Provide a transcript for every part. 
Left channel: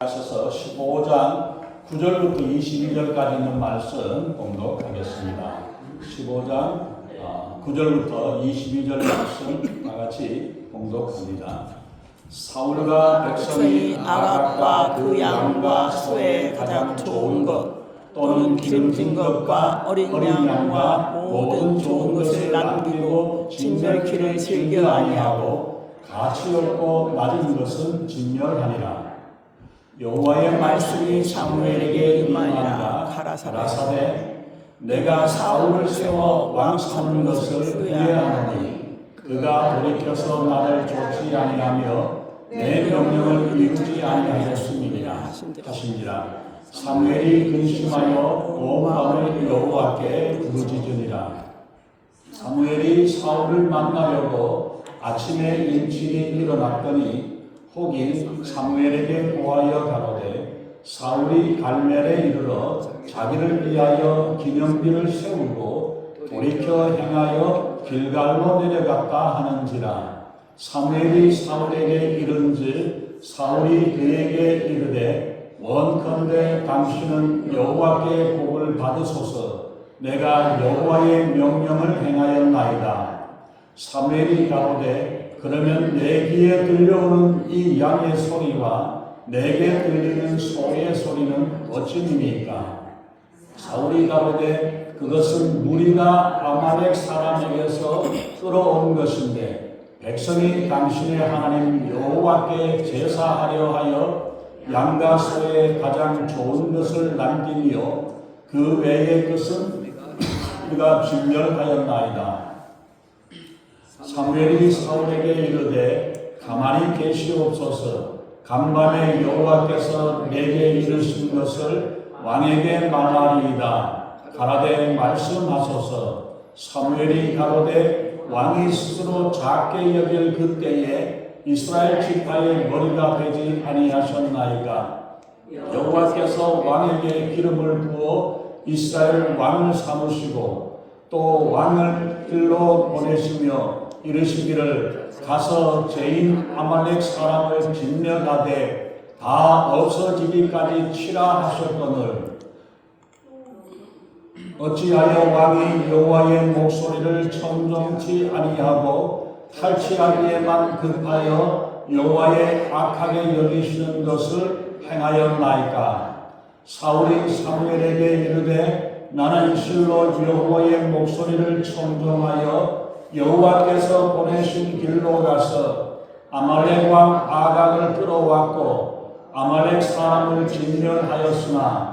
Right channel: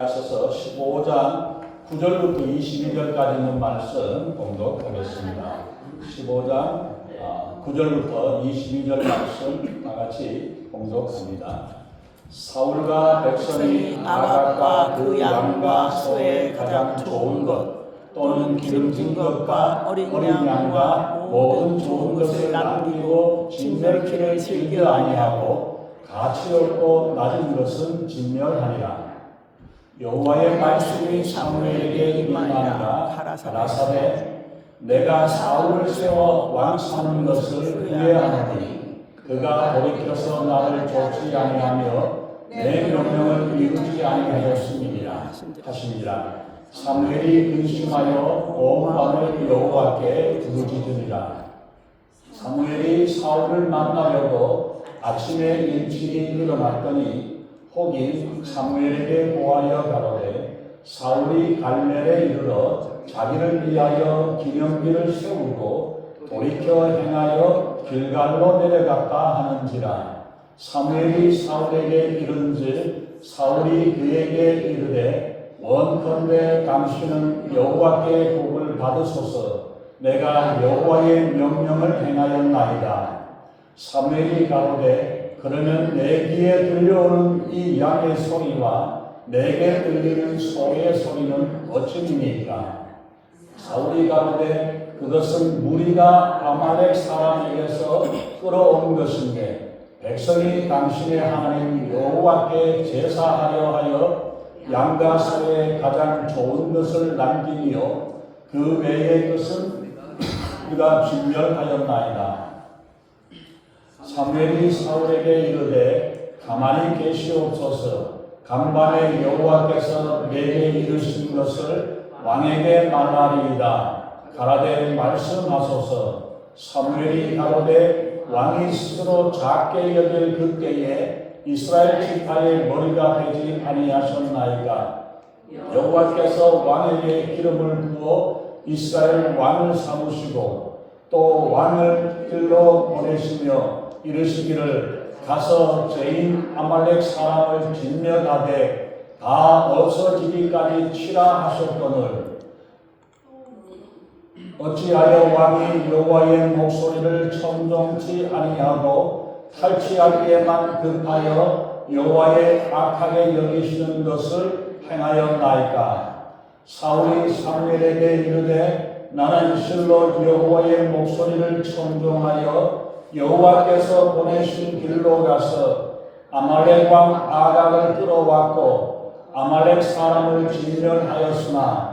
하셔서 15장 9절부터 22절까지 있는 말씀 공독하겠습니다. 15장 9절부터 22절 말씀 다 같이 공독합니다. 사울과 백성이 아각과 그 양과 소의 가장 좋은 것 또는 기름진 것과 어린 양과 모든 좋은 것을 남기고 진멸키를 즐겨 아니하고 가치 없고 낮은 것은 진멸하니라. 여호와의 말씀이 사무엘에게 임하니라. 가라사대 내가 사울을 세워 왕 삼은 것을 후회하노니 그가 돌이켜서 나를 쫓지 아니하며 내 명령을 이루지 아니하였음이니라 하시니라. 사무엘이 근심하여 온 밤을 여호와께 부르짖으니라. 사무엘이 사울을 만나려고 아침에 일찍이 일어났더니 혹이 사무엘에게 고하여 가로되 사울이 갈멜에 이르러 자기를 위하여 기념비를 세우고 돌이켜 행하여 길갈로 내려갔다 하는지라. 사무엘이 사울에게 이른즉 사울이 그에게 이르되 원컨대 당신은 여호와께 복을 받으소서. 내가 여호와의 명령을 행하였나이다. 사무엘이 가로되 그러면 내 귀에 들려오는 이 양의 소리와 내게 들리는 소의 소리는 어찌니까? 사울이 가로되 그것은 무리가 아말렉 사람에게서 끌어온 것인데 백성이 당신의 하나님 여호와께 제사하려 하여 양과 소의 가장 좋은 것을 남기며 그 외의 것은 우리가 진멸하였나이다. 사무엘이 사울에게 이르되 가만히 계시옵소서. 간밤에 여호와께서 내게 이르신 것을 왕에게 말하리이다. 가라되 말씀하소서. 사무엘이 가로되 왕이 스스로 작게 여길 그때에 이스라엘 지파의 머리가 되지 아니하셨나이까? 여호와께서 왕에게 기름을 부어 이스라엘 왕을 삼으시고 또 왕을 길로 보내시며 이르시기를 가서 죄인 아말렉 사람을 진멸하되 다 없어지기까지 치라 하셨거늘 어찌하여 왕이 여호와의 목소리를 청종치 아니하고 탈취하기에만 급하여 여호와의 악하게 여기시는 것을 행하였나이까? 사울이 사무엘에게 이르되 나는 실로 여호와의 목소리를 청종하여 여호와께서 보내신 길로 가서 아말렉 왕 아각을 끌어왔고 아말렉 사람을 진멸하였으나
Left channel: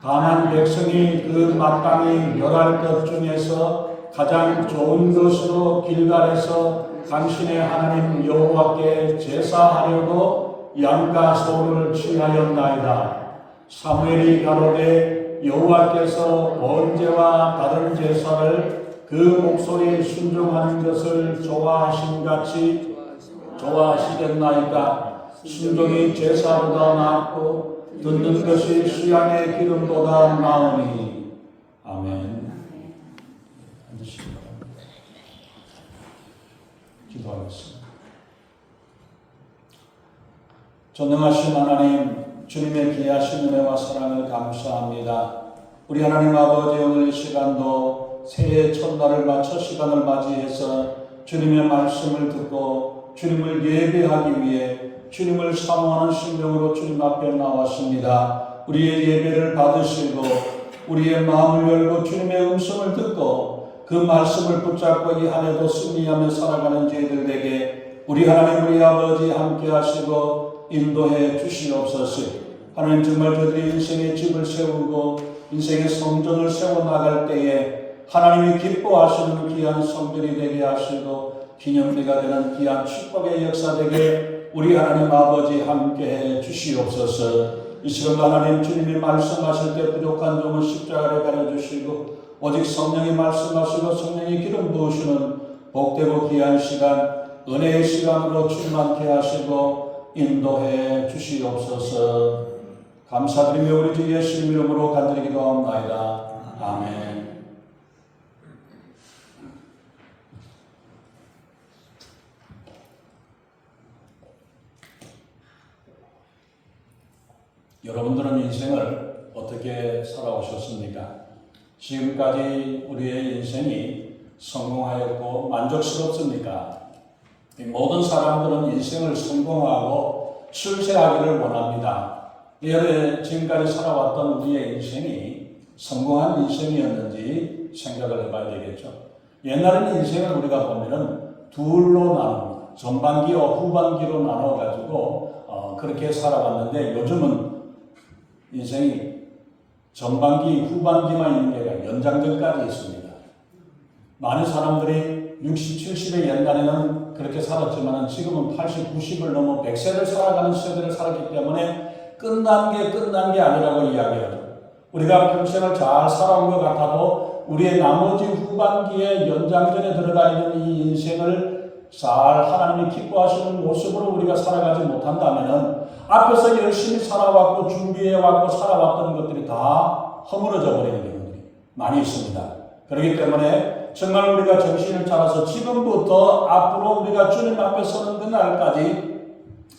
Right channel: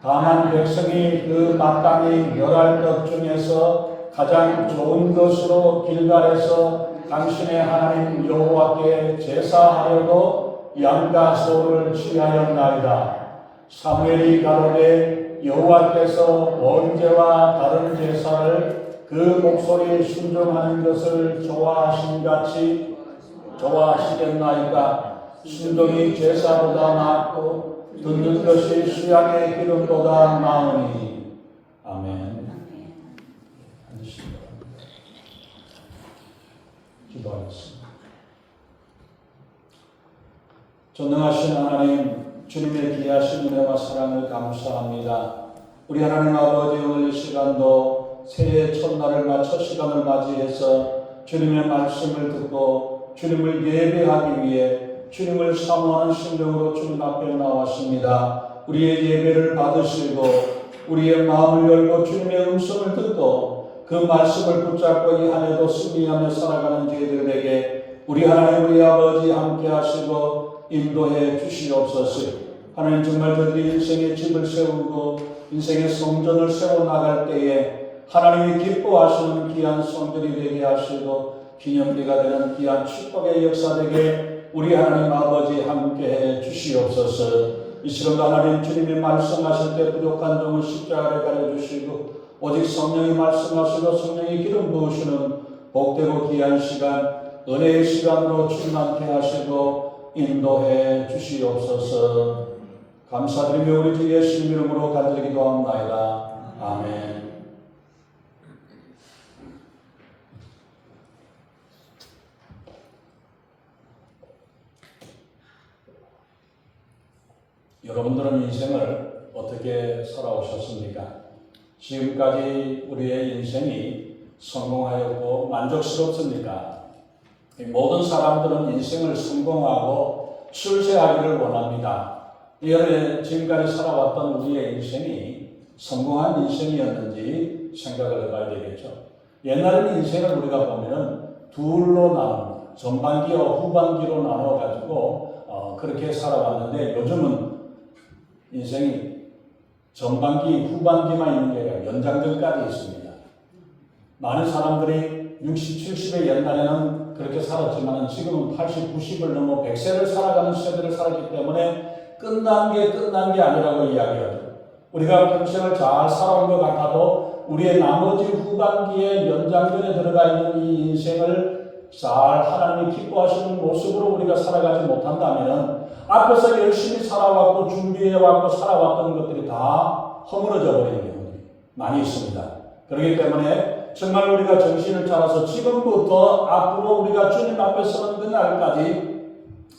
다만 백성이 그 마땅히 멸할 것 중에서 가장 좋은 것으로 길갈에서 당신의 하나님 여호와께 제사하려고 양과 소를 취하였나이다. 사무엘이 가로되 여호와께서 번제와 다른 제사를 그 목소리에 순종하는 것을 좋아하신같이 좋아하시겠나이까? 순종이 제사보다 낫고 듣는 것이 수양의 기름보다 나으니. 아멘. 기도하겠습니다. 전능하신 하나님, 주님의 귀하신 은혜와 사랑을 감사합니다. 우리 하나님 아버지, 오늘 이 시간도 새해 첫날을 맞춰 시간을 맞이해서 주님의 말씀을 듣고 주님을 예배하기 위해 주님을 사모하는 심령으로 주님 앞에 나왔습니다. 우리의 예배를 받으시고 우리의 마음을 열고 주님의 음성을 듣고 그 말씀을 붙잡고 이 한 해도 승리하며 살아가는 저희들에게 우리 하나님 우리 아버지 함께 하시고 인도해 주시옵소서. 하나님 정말 저희들이 인생의 집을 세우고 인생의 성전을 세워나갈 때에 하나님이 기뻐하시는 귀한 성전이 되게 하시고 기념비가 되는 귀한 축복의 역사 되게 우리 하나님 아버지 함께해 주시옵소서. 이 시간도 하나님 주님이 말씀하실 때 부족한 점을 십자가에 가려주시고 오직 성령이 말씀하시고 성령이 기름 부으시는 복되고 귀한 시간 은혜의 시간으로 충만케 하시고 인도해 주시옵소서. 감사드리며 우리 주 예수님 이름으로 간절히 기도합나이다. 아멘. 여러분들은 인생을 어떻게 살아오셨습니까? 지금까지 우리의 인생이 성공하였고 만족스럽습니까? 모든 사람들은 인생을 성공하고 출세하기를 원합니다. 여러분, 지금까지 살아왔던 우리의 인생이 성공한 인생이었는지 생각을 해봐야 되겠죠. 옛날에는 인생을 우리가 보면은 둘로 나눕니다. 전반기와 후반기로 나눠가지고 그렇게 살아왔는데 요즘은 인생이 전반기, 후반기만 있는 게 아니라 연장전까지 있습니다. 많은 사람들이 60, 70의 옛날에는 그렇게 살았지만 지금은 80, 90을 넘어 100세를 살아가는 세대를 살았기 때문에 끝난 게 아니라고 이야기하죠. 우리가 평생을 잘 살아온 것 같아도 우리의 나머지 후반기에 연장전에 들어가 있는 이 인생을 잘 하나님이 기뻐하시는 모습으로 우리가 살아가지 못한다면 앞에서 열심히 살아왔고 준비해왔고 살아왔던 것들이 다 허물어져 버리는 경우들이 많이 있습니다. 그렇기 때문에 정말 우리가 정신을 차려서 지금부터 앞으로 우리가 주님 앞에 서는 그날까지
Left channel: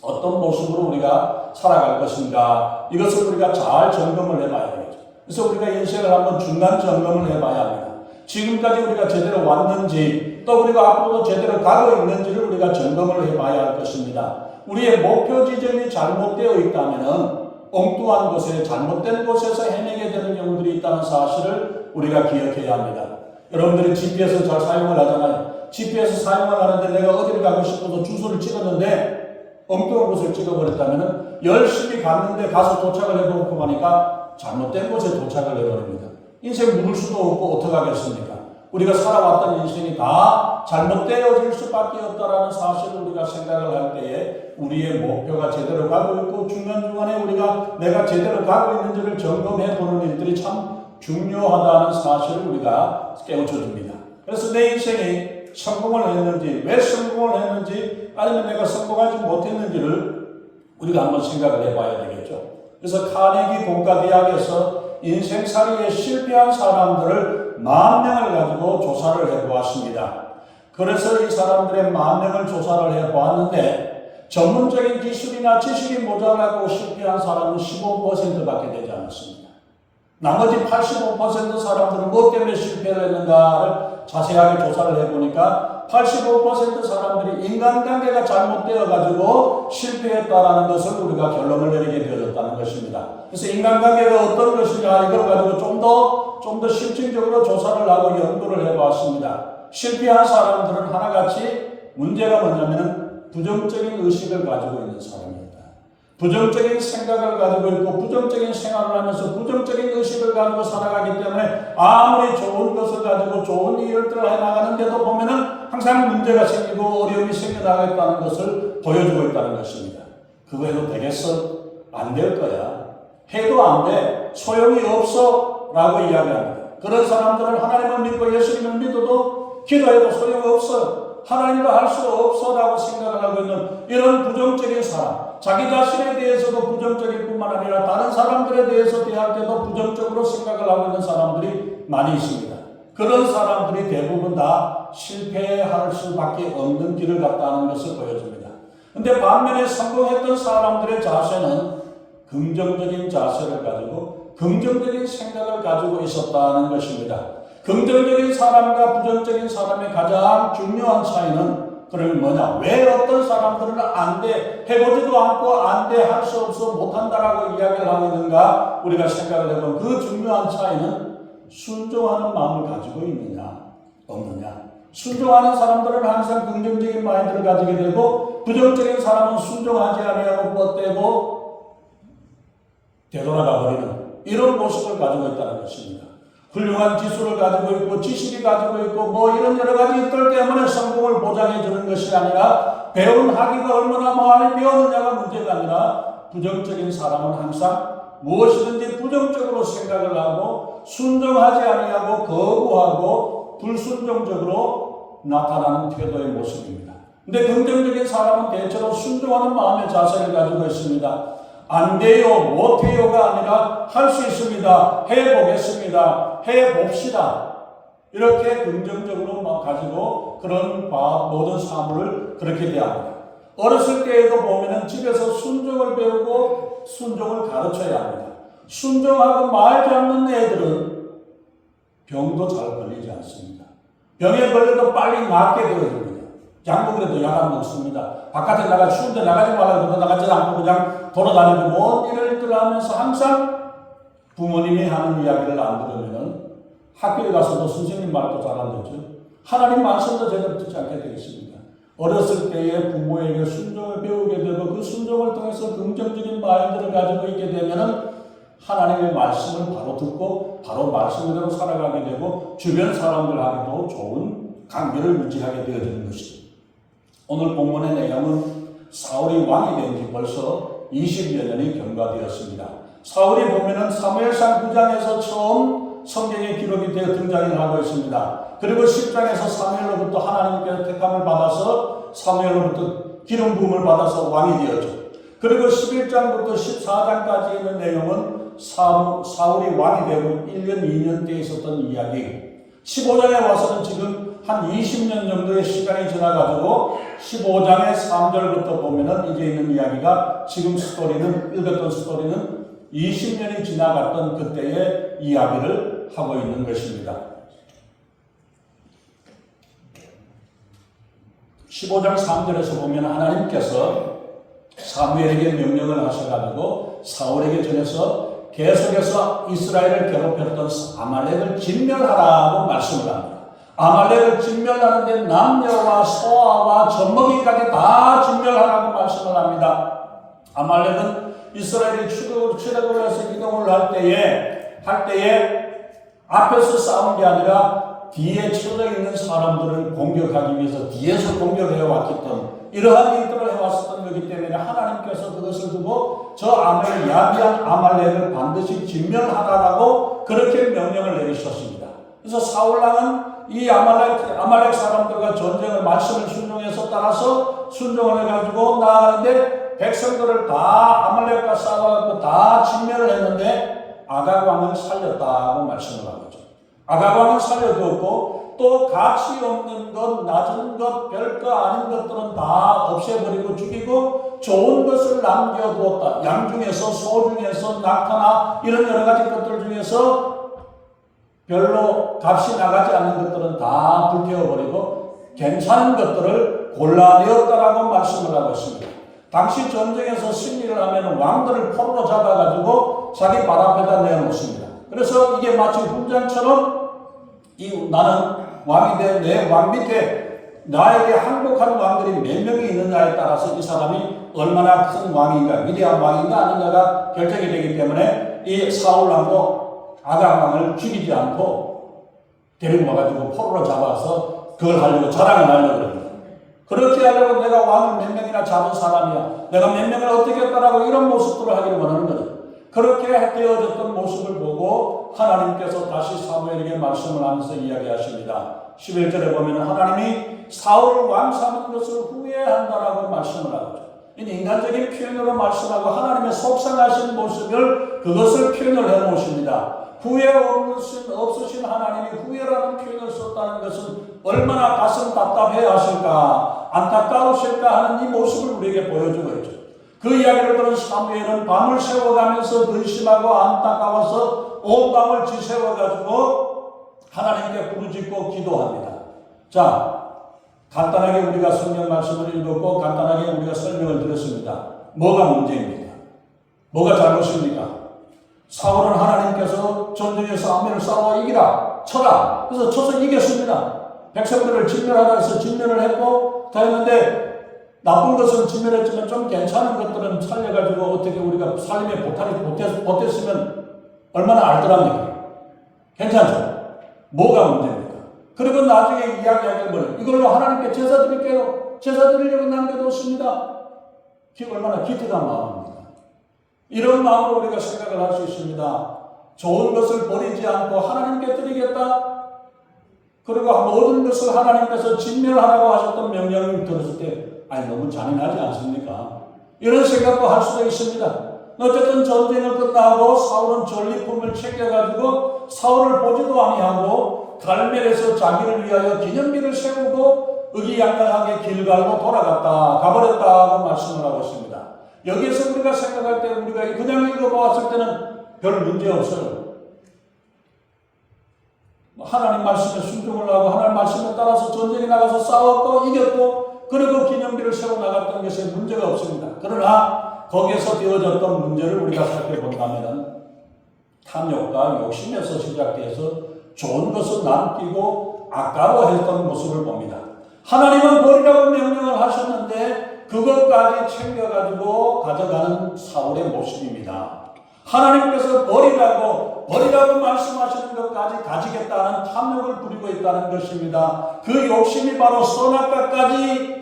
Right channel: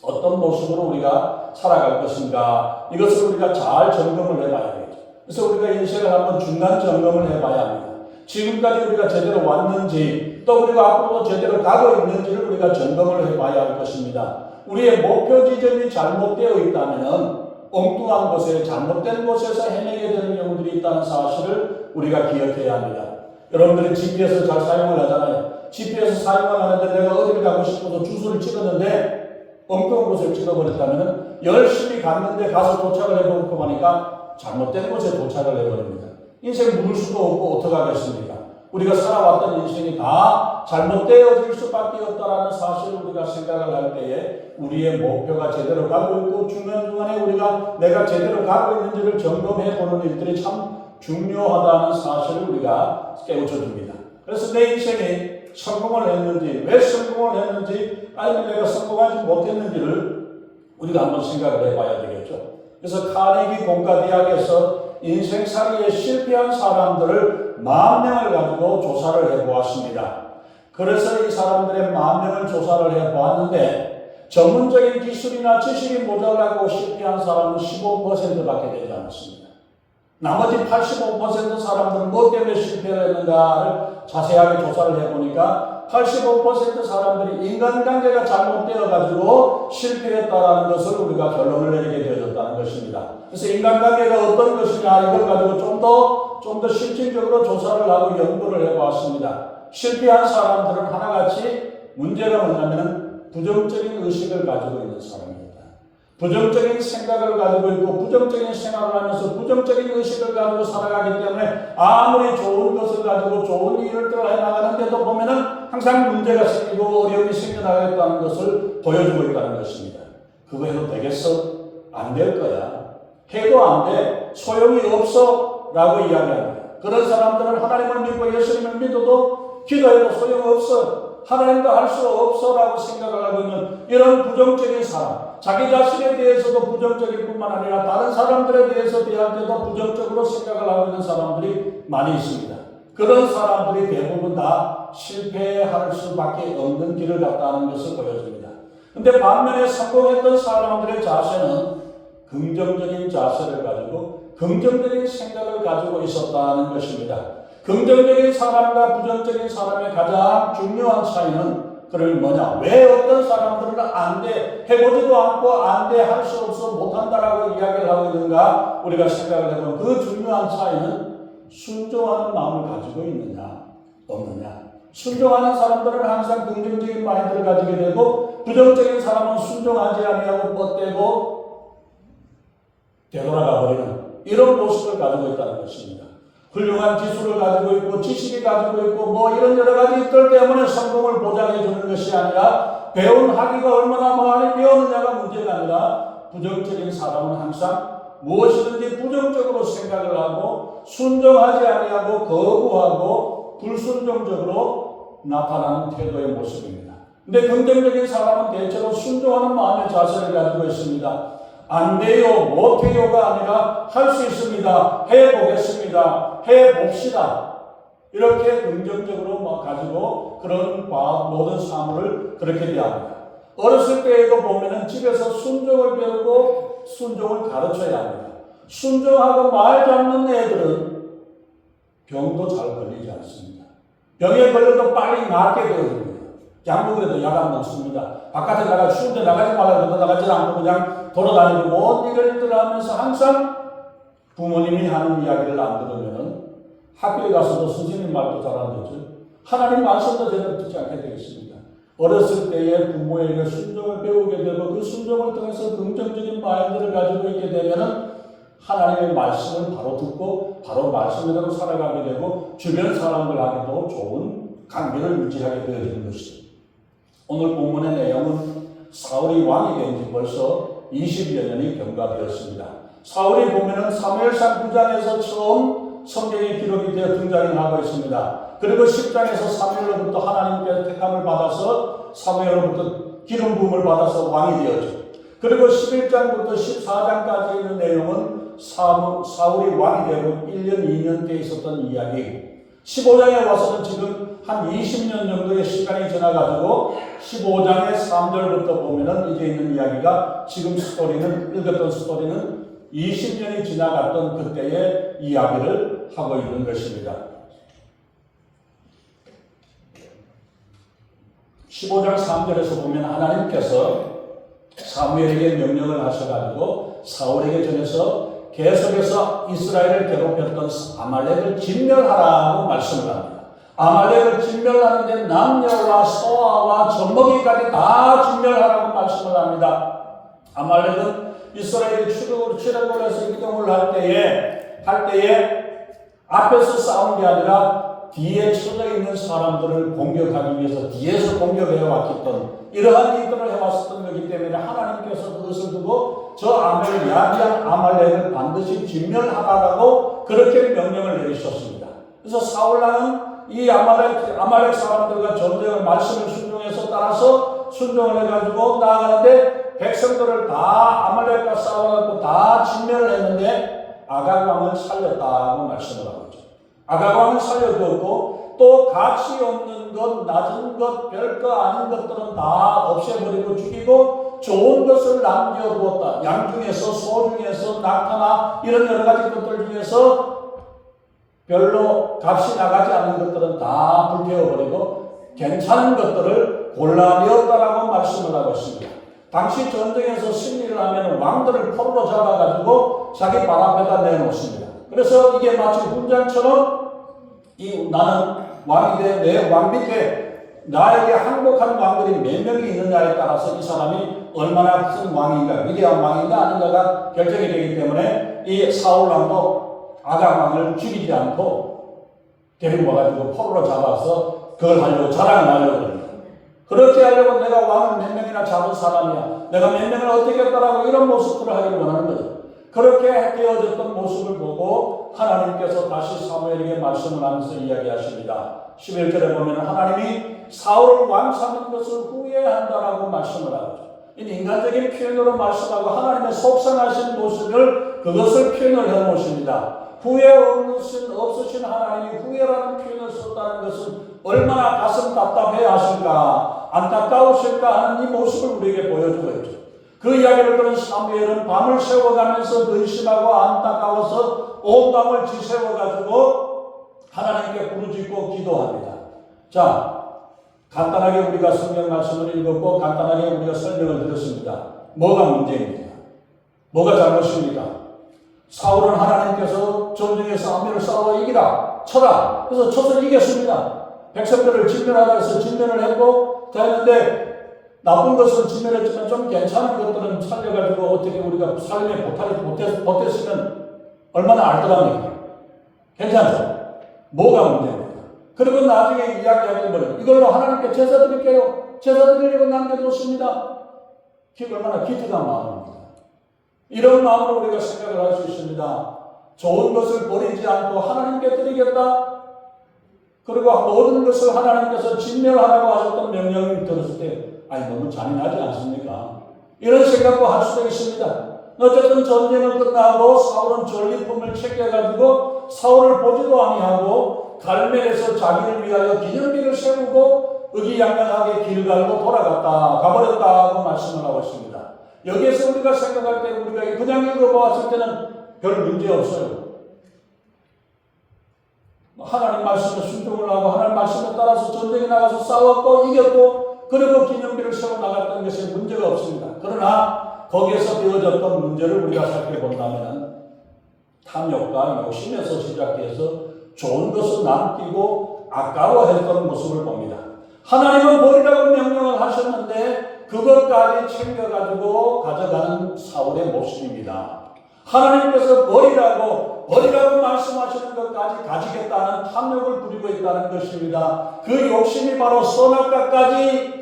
어떤 모습으로 우리가 살아갈 것인가, 이것을 우리가 잘 점검을 해봐야 되겠죠. 그래서 우리가 인생을 한번 중간 점검을 해봐야 합니다. 지금까지 우리가 제대로 왔는지, 또 우리가 앞으로 제대로 가고 있는지를 우리가 점검을 해봐야 할 것입니다. 우리의 목표 지점이 잘못되어 있다면 엉뚱한 곳에, 잘못된 곳에서 헤매게 되는 경우들이 있다는 사실을 우리가 기억해야 합니다. 여러분들이 GPS 잘 사용을 하잖아요. GPS 사용을 하는데 내가 어디를 가고 싶어서 주소를 찍었는데 엉뚱한 곳을 찍어버렸다면 열심히 갔는데 가서 도착을 해보고 보니까 잘못된 곳에 도착을 해버립니다. 인생 묵을 수도 없고 어떡하겠습니까? 우리가 살아왔던 인생이 다 잘못되어질 수밖에 없다라는 사실을 우리가 생각을 할 때에 우리의 목표가 제대로 가고 있고 중간중간에 우리가 내가 제대로 가고 있는지를 점검해 보는 일들이 참 중요하다는 사실을 우리가 깨우쳐 줍니다. 그래서 내 인생이 성공을 했는지, 왜 성공을 했는지, 아니면 내가 성공하지 못했는지를 우리가 한번 생각을 해봐야 되겠죠. 그래서 카네기 공과대학에서 인생살이에 실패한 사람들을 10,000명을 가지고 조사를 해보았습니다. 그래서 이 사람들의 10,000명을 조사를 해보았는데 전문적인 기술이나 지식이 모자라고 실패한 사람은 15%밖에 되지 않았습니다. 나머지 85% 사람들은 뭐 때문에 실패를 했는가를 자세하게 조사를 해보니까 85% 사람들이 인간관계가 잘못되어가지고 실패했다는 것을 우리가 결론을 내리게 되어졌다는 것입니다. 그래서 인간관계가 어떤 것이냐, 이걸 가지고 좀 더 실질적으로 조사를 하고 연구를 해보았습니다. 실패한 사람들은 하나같이 문제가 뭐냐면 부정적인 의식을 가지고 있는 사람입니다. 부정적인 생각을 가지고 있고 부정적인 생활을 하면서 부정적인 의식을 가지고 살아가기 때문에 아무리 좋은 것을 가지고 좋은 일을 해나가는데도 보면은 항상 문제가 생기고 어려움이 생겨나겠다는 것을 보여주고 있다는 것입니다. 그거 해도 되겠어? 안 될 거야. 해도 안 돼. 소용이 없어. 라고 이야기합니다. 그런 사람들은 하나님을 믿고 예수님을 믿어도 기도해도 소용없어. 하나님도 할 수 없어. 라고 생각을 하고 있는 이런 부정적인 사람. 자기 자신에 대해서도 부정적일 뿐만 아니라 다른 사람들에 대해서 대할 때도 부정적으로 생각을 하고 있는 사람들이 많이 있습니다. 그런 사람들이 대부분 다 실패할 수밖에 없는 길을 갔다는 것을 보여줍니다. 근데 반면에 성공했던 사람들의 자세는 긍정적인 자세를 가지고 긍정적인 생각을 가지고 있었다는 것입니다. 긍정적인 사람과 부정적인 사람의 가장 중요한 차이는 그럼 뭐냐? 왜 어떤 사람들은 안 돼, 해보지도 않고 안 돼, 할 수 없어, 못한다라고 이야기를 하고 있는가? 우리가 생각을 해보면 그 중요한 차이는 순종하는 마음을 가지고 있느냐, 없느냐. 순종하는 사람들은 항상 긍정적인 마인드를 가지게 되고 부정적인 사람은 순종하지 아니하고 뻗대고 되돌아가 버리는 이런 모습을 가지고 있다는 것입니다. 훌륭한 기술을 가지고 있고 지식이 가지고 있고 뭐 이런 여러 가지 있들 때문에 성공을 보장해 주는 것이 아니라 배운 학위가 얼마나 많이 배웠느냐가 문제가 아니라 부정적인 사람은 항상 무엇이든지 부정적으로 생각을 하고 순종하지 아니하고 거부하고 불순종적으로 나타나는 태도의 모습입니다. 근데 긍정적인 사람은 대체로 순종하는 마음의 자세를 가지고 있습니다. 안 돼요, 못해요가 아니라 할 수 있습니다, 해보겠습니다, 해봅시다. 이렇게 긍정적으로 가지고 그런 모든 사물을 그렇게 대합니다. 어렸을 때에도 보면은 집에서 순종을 배우고 순종을 가르쳐야 합니다. 순종하고 말지 않는 애들은 병도 잘 걸리지 않습니다. 병에 걸려도 빨리 낫게 되어집니다. 약도 그래도 약 안 먹습니다. 바깥에 나가 추운데 나가지 말라고 나가지 않고 그냥 돌아다니고 뭔 일을 하면서 항상 부모님이 하는 이야기를 안 들으면은 학교에 가서도 선생님 말도 잘 안 듣죠. 하나님 말씀도 제대로 듣지 않게 되겠습니다. 어렸을 때에 부모에게 순종을 배우게 되고 그 순종을 통해서 긍정적인 마인드를 가지고 있게 되면은 하나님의 말씀을 바로 듣고 바로 말씀대로 살아가게 되고 주변 사람들하고도 좋은 관계를 유지하게 되어지는 것이죠. 오늘 본문의 내용은 사울이 왕이 된 지 벌써 20여 년이 경과되었습니다. 사울이 보면은 사무엘상 9장에서 처음 성경에 기록이 되어 등장을 하고 있습니다. 그리고 10장에서 사무엘로부터 하나님께서 택함을 받아서 사무엘로부터 기름 부음을 받아서 왕이 되었죠. 그리고 11장부터 14장까지 있는 내용은 사울이 왕이 되고 1년, 2년 때 있었던 이야기. 15장에 와서는 지금 한 20년 정도의 시간이 지나가지고 15장의 3절부터 보면은 이제 있는 이야기가 지금 읽었던 스토리는 20년이 지나갔던 그때의 이야기를 하고 있는 것입니다. 15장 3절에서 보면 하나님께서 사무엘에게 명령을 하셔가지고 사울에게 전해서 계속해서 이스라엘을 괴롭혔던 아말렉을 진멸하라고 말씀을 합니다. 아말렉을 진멸하는데 남녀와 소아와 젖먹이까지 다 진멸하라고 말씀을 합니다. 아말렉은 이스라엘이 출애굽을 해서 이동을 할 때에 앞에서 싸운 게 아니라 뒤에 쳐져 있는 사람들을 공격하기 위해서 뒤에서 공격해 왔던 이러한 일들을 해왔었던 거기 때문에 하나님께서 그것을 두고 저 야비한 아말렉을 반드시 진멸하라고 그렇게 명령을 내리셨습니다. 그래서 사울왕은 이 아말렉 사람들과 전쟁을 말씀을 순종해서 따라서 순종을 해가지고 나아가는데 백성들을 다 아말렉과 싸워가지고 다 진멸을 했는데 아각왕을 살렸다고 말씀을 한 거죠. 아각왕을 살려두었고 또 가치 없는 것, 낮은 것, 별거 아닌 것들은 다 없애버리고 죽이고 좋은 것을 남겨두었다. 양 중에서, 소 중에서, 낙타나 이런 여러 가지 것들 중에서 별로 값이 나가지 않는 것들은 다 불태워버리고 괜찮은 것들을 골라내었다라고 말씀을 하고 있습니다. 당시 전쟁에서 승리를 하면 왕들을 포로로 잡아가지고 자기 발 앞에다 내놓습니다. 그래서 이게 마치 훈장처럼 나는 왕이 돼 내 왕 밑에 나에게 항복한 왕들이 몇 명이 있느냐에 따라서 이 사람이 얼마나 큰 왕인가 위대한 왕인가 아닌가가 결정이 되기 때문에 이 사울왕도 아각왕을 죽이지 않고 데리고 와가지고 포로로 잡아서 그걸 하려고 자랑을 하려고 합니다. 그렇게 하려고 내가 왕을 몇 명이나 잡은 사람이야. 내가 몇 명을 어떻게 했더라고 이런 모습들을 하기를 원하는 거죠. 그렇게 되어졌던 모습을 보고 하나님께서 다시 사무엘에게 말씀을 하면서 이야기하십니다. 11절에 보면 하나님이 사울을 왕 삼은 것을 후회한다라고 말씀을 하죠. 이 인간적인 표현으로 말씀하고 하나님의 속상하신 모습을 그것을 표현을 해놓으십니다. 후회 없으신 하나님이 후회라는 표현을 썼다는 것은 얼마나 가슴 답답해 하실까 안타까우실까 하는 이 모습을 우리에게 보여주고 있죠. 그 이야기를 들은 사무엘은 밤을 새워가면서 근심하고 안타까워서 온 밤을 지새워가지고 하나님께 부르짖고 기도합니다. 자, 간단하게 우리가 성경 말씀을 읽었고 간단하게 우리가 설명을 드렸습니다. 뭐가 문제입니까? 뭐가 잘못입니까? 사울은 하나님께서 전쟁에서 아멜을 싸워 이기라, 쳐라. 그래서 쳐서 이겼습니다. 백성들을 진멸하라 해서 진멸을 했고 다 했는데 나쁜 것은 진멸했지만 좀 괜찮은 것들은 살려가지고 어떻게 우리가 삶의 보탬이 보탰으면 얼마나 알뜰합니까? 괜찮죠? 뭐가 문제입니까? 그리고 나중에 이야기하는 걸 이걸로 하나님께 제사 드릴게요. 제사 드리려고 남겨뒀습니다. 얼마나 기특한 마음입니다. 이런 마음으로 우리가 생각을 할 수 있습니다. 좋은 것을 버리지 않고 하나님께 드리겠다. 그리고 모든 것을 하나님께서 진멸하라고 하셨던 명령을 들었을 때 너무 잔인하지 않습니까? 이런 생각도 할 수도 있습니다. 어쨌든 전쟁은 끝나고 사울은 전리품을 챙겨가지고 사울을 보지도 아니하고 갈멜에서 자기를 위하여 기념비를 세우고 의기양양하게 길갈로 가버렸다고 말씀을 하고 있습니다. 여기에서 우리가 생각할 때 우리가 그냥 읽어보았을 때는 별 문제 없어요. 하나님 말씀에 순종을 하고 하나님 말씀에 따라서 전쟁에 나가서 싸웠고 이겼고 그리고 기념비를 세워나갔던 것에 문제가 없습니다. 그러나 거기에서 되어졌던 문제를 우리가 살펴본다면 탐욕과 욕심에서 시작해서 좋은 것을 남기고 아까워했던 모습을 봅니다. 하나님은 버리라고 명령을 하셨는데 그것까지 챙겨가지고 가져가는 사울의 모습입니다. 하나님께서 버리라고 말씀하시는 것까지 가지겠다는 탐욕을 부리고 있다는 것입니다. 그 욕심이 바로 선악과까지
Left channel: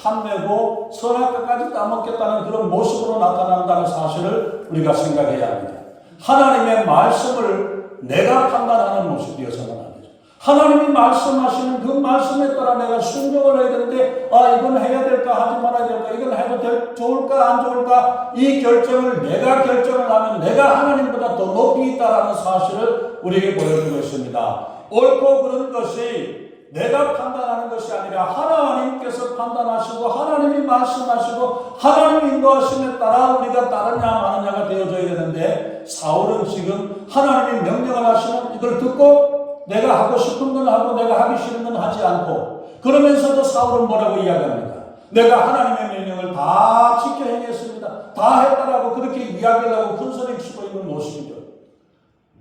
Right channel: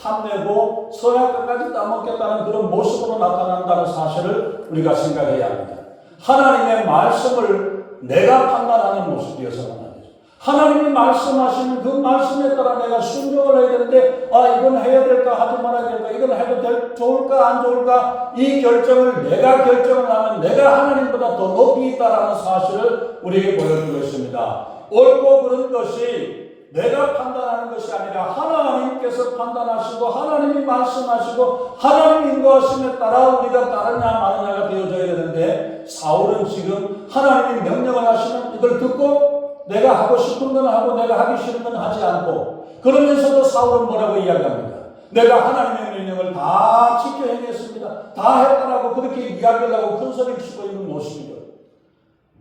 탐내고 선악과까지 따먹겠다는 그런 모습으로 나타난다는 사실을 우리가 생각해야 합니다. 하나님의 말씀을 내가 판단하는 모습이어서는 안 되죠. 하나님이 말씀하시는 그 말씀에 따라 내가 순종을 해야 되는데 이건 해야 될까 하지 말아야 될까 이건 해도 좋을까 안 좋을까 이 결정을 내가 결정을 하면 내가 하나님보다 더 높이 있다는 사실을 우리에게 보여주고 있습니다. 옳고 그른 것이 내가 판단하는 것이 아니라 하나님께서 판단하시고 하나님이 말씀하시고 하나님이 인도하심에 따라 우리가 따르냐 마느냐가 되어져야 되는데 사울은 지금 하나님이 명령을 하시면 이걸 듣고 내가 하고 싶은 건 하고 내가 하기 싫은 건 하지 않고 그러면서도 사울은 뭐라고 이야기합니다. 내가 하나님의 명령을 다 지켜 행했습니다. 다 했다라고 그렇게 이야기를 하고 큰 소리 치고 있는 모습이죠.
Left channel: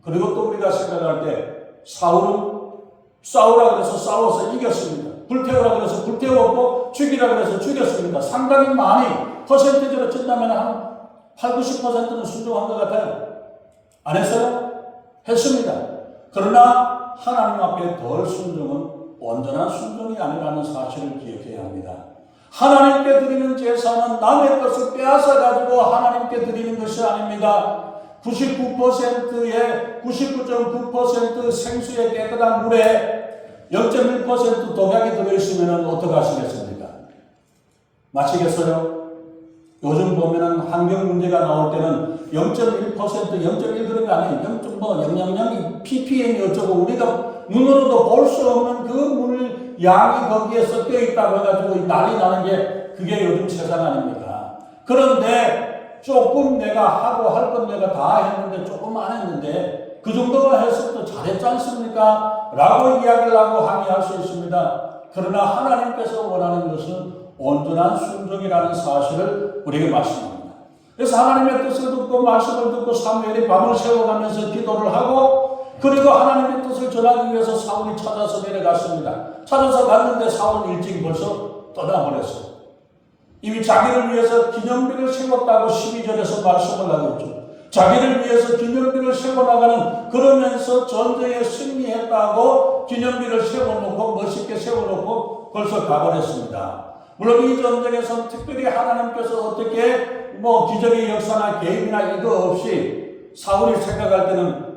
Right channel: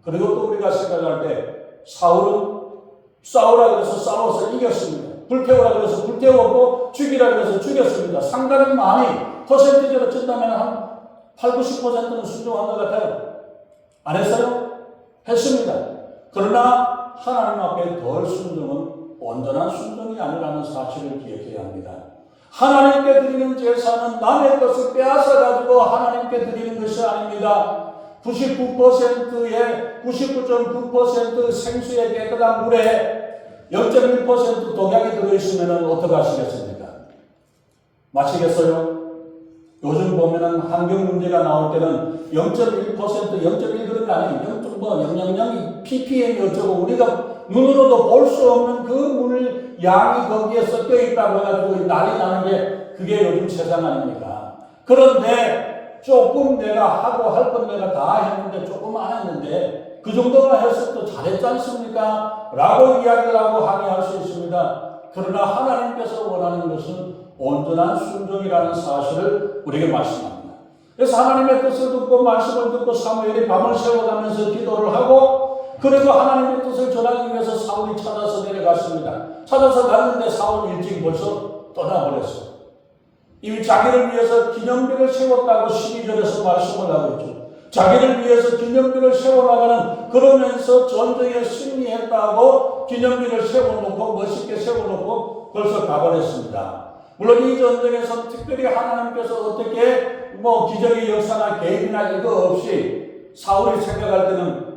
그리고 또 우리가 생각할 때 사울은 싸우라 그래서 싸워서 이겼습니다. 불태우라 그래서 불태웠고 죽이라 그래서 죽였습니다. 상당히 많이 퍼센티지로 찐다면 한 8, 90%는 순종한 것 같아요. 안 했어요? 했습니다. 그러나 하나님 앞에 덜 순종은 온전한 순종이 아니라는 사실을 기억해야 합니다. 하나님께 드리는 제사는 남의 것을 빼앗아 가지고 하나님께 드리는 것이 아닙니다. 99%의 99.9% 생수의 깨끗한 물에 0.1% 독약이 들어있으면 어떻게 하시겠습니까? 마시겠어요? 요즘 보면은 환경 문제가 나올 때는 0.1%, 0.1g이 아니에요. 0.000 ppm이 어쩌고 우리가 눈으로도 볼 수 없는 그 물 양이 거기에 섞여 있다고 해가지고 난리 나는 게 그게 요즘 세상 아닙니까? 그런데 조금 내가 하고 할 건 내가 다 했는데 조금 안 했는데 그 정도가 했을 때 잘했지 않습니까? 라고 이야기를 하고 항의할 수 있습니다. 그러나 하나님께서 원하는 것은 온전한 순종이라는 사실을 우리에게 말씀합니다. 그래서 하나님의 뜻을 듣고 말씀을 듣고 사무엘이 밤을 새워가면서 기도를 하고 그리고 하나님의 뜻을 전하기 위해서 사울이 찾아서 내려갔습니다. 찾아서 갔는데 사울은 일찍 벌써 떠나버렸어요. 이미 자기를 위해서 기념비를 세웠다고 12절에서 말씀을 하고 있죠. 자기를 위해서 기념비를 세워나가는 그러면서 전쟁에 승리했다고 기념비를 세워놓고 멋있게 세워놓고 벌써 가버렸습니다. 물론 이 전쟁에서 특별히 하나님께서 어떻게 기적의 역사나 개입이나 이거 없이 사울이 생각할 때는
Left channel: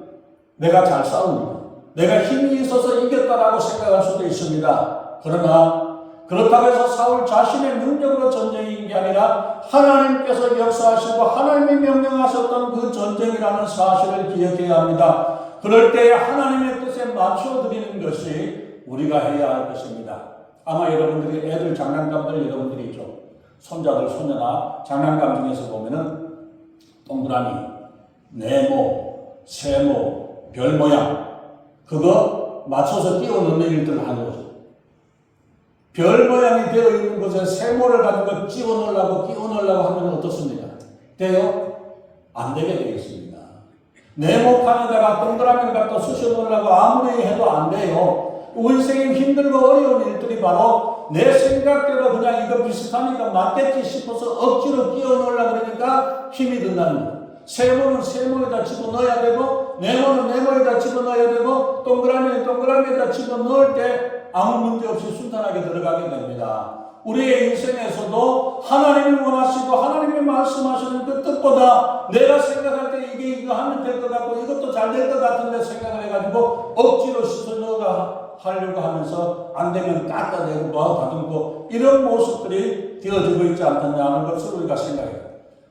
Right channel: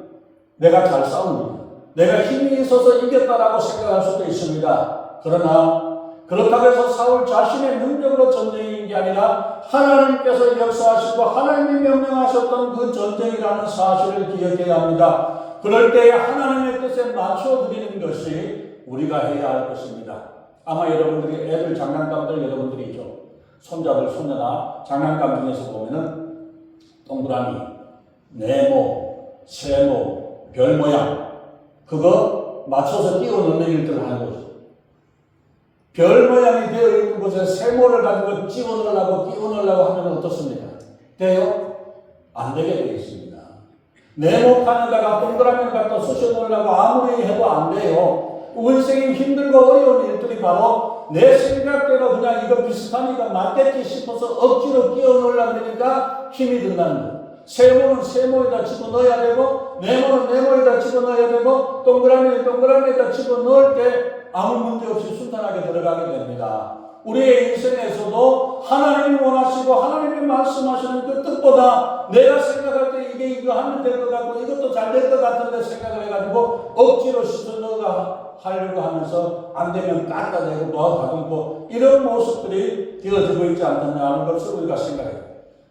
내가 잘 싸우니까 내가 힘이 있어서 이겼다라고 생각할 수도 있습니다. 그러나 그렇다고 해서 사울 자신의 능력으로 전쟁인 게 아니라 하나님께서 역사하시고 하나님이 명령하셨던 그 전쟁이라는 사실을 기억해야 합니다. 그럴 때 하나님의 뜻에 맞춰드리는 것이 우리가 해야 할 것입니다. 아마 여러분들이 애들 장난감들 여러분들이 있죠. 손자들 손녀나 장난감 중에서 보면은 동그라미, 네모, 세모, 별 모양 그거 맞춰서 끼워 넣는 일들을 하는 거죠. 별 모양이 되어 있는 곳에 세모를 가지고 끼워 넣으려고 하면 어떻습니까? 돼요? 안 되게 되어 있습니다. 네모판에다가 동그라미를 갖다 쑤셔 넣으려고 아무리 해도 안 돼요. 인생이 힘들고 어려운 일들이 바로 내 생각대로 그냥 이거 비슷하니까 맞겠지 싶어서 억지로 끼워 넣으려고 그러니까 힘이 든다는 거예요. 세모는 세모에다 집어넣어야 되고 네모는 네모에다 집어넣어야 되고 동그라미는 동그라미에다 집어넣을 때 아무 문제 없이 순탄하게 들어가게 됩니다. 우리의 인생에서도 하나님이 원하시고 하나님이 말씀하시는 그 뜻보다 내가 생각할 때 이거 하면 될 것 같고 이것도 잘 될 것 같은데 생각을 해가지고 억지로 씻어넣어 하려고 하면서 안 되면 깎아내고 다듬고 이런 모습들이 되어지고 있지 않느냐는 것을 우리가 생각해요.